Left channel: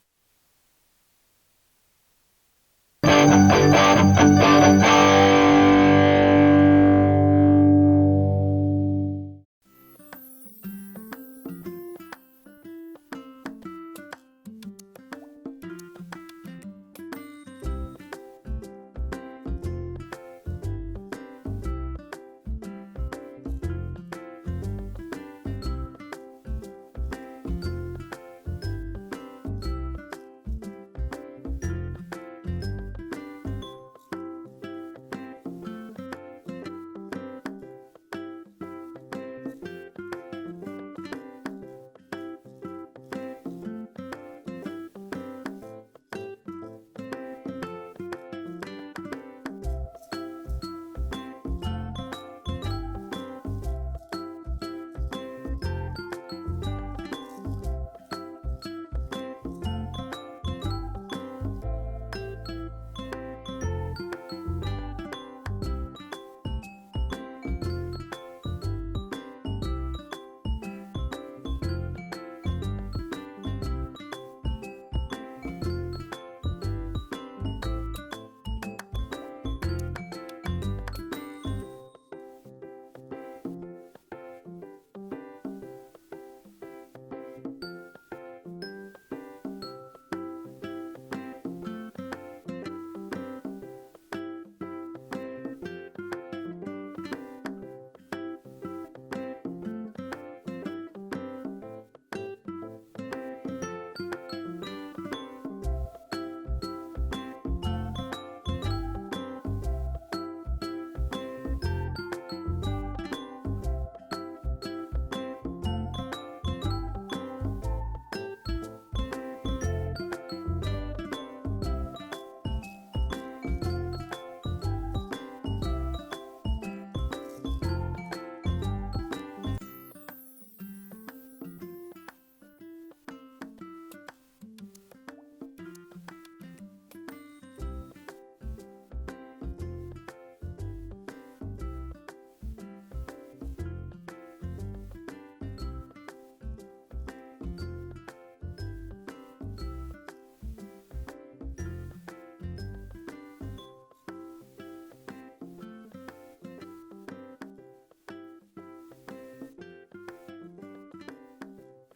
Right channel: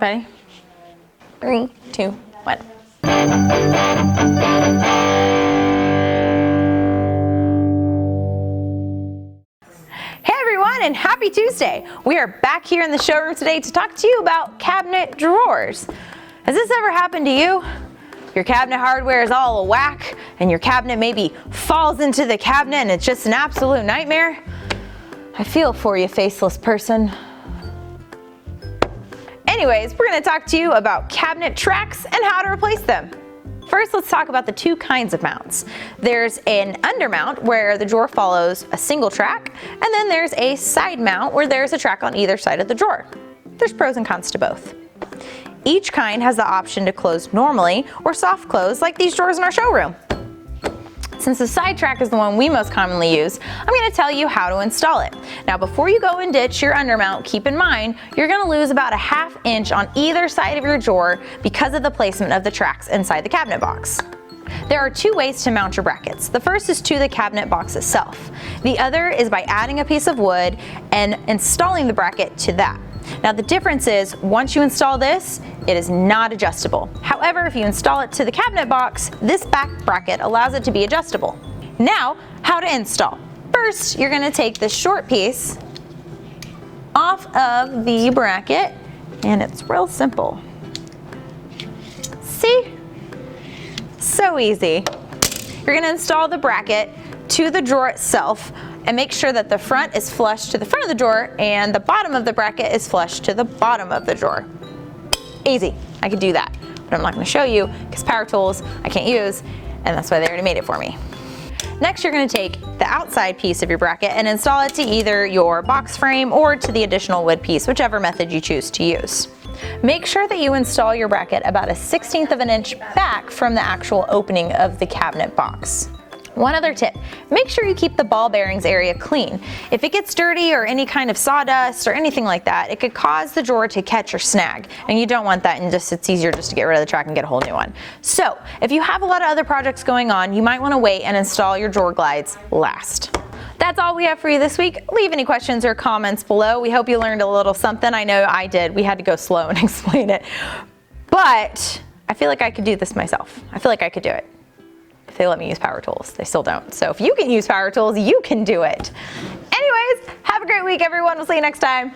Ready? 3, 2, 1. Hey everyone, and happy Tuesday! We are back here in the showroom today to talk to you about cabinet drawers. Has this ever happened to you? Your cabinet hardware is all a whack, and your cabinet maybe falls into the cabinet and it's just an absolute nightmare? I feel for you, faceless person. Anyways, we're going to talk to you about cabinet tracks and how to replace them. First, let's talk about the two kinds of mounts. There's an undermount where the drawer follows a single track, and then there's a side mount where there's a track on either side of the drawer. There's pros and cons to both. Each kind has the option to close normally or soft close like these drawers in our showroom. Since the side track is the one we most commonly use, I'm going to tell you how to install it. Now before you go and ditch your undermount, keep in mind you're going to lose about a ½ inch on either side of your drawer because of the placement of the tracks inside the cabinet box. There are two ways to mount your brackets. The first is to the cabinet box itself. The other is by adding a piece of wood and installing the bracket to that. Now the difference is, once you install this, it is not adjustable. However, if you install it to the cabinet box, this back bracket allows it to be adjustable. Now, how to install. First, you're gonna take this short piece off of the bracket, and it's real simple. See? So easy. You're gonna install the bracket to the drawer itself and make sure that the front is flush to the front of the drawer and the bottom of the bracket is flush to the bottom of the drawer. Easy, I could do that, but I'm not gonna show you because power tools I can't use, and that's why they already made it for me. Next, you're gonna take the outside piece of your bracket and install it to either your box frame or to the additional wood piece, whichever method you choose to use. Make sure that you install your bracket about a 1/16 of an inch back from the actual opening of the cabinet box. One other tip, make sure you keep the ball bearings area clean. If it gets dirty or any kind of sawdust or anything like that, it could cause the drawer to catch or snag, and you don't want that, and it's easier just to get rid of the track and get a whole new one. So if you have a lot of other projects going on, you might want to wait and install your drawer glides last. That's all we have for you this week. Leave any questions or comments below. We hope you learned a little something. I know I did. We had to go slow and explain it, but I feel like I could do this myself. I feel like I could do it. They let me use power tools. They still don't. So if you can use power tools, you can do it. Anyways, have a great week, everyone. We'll see you next time.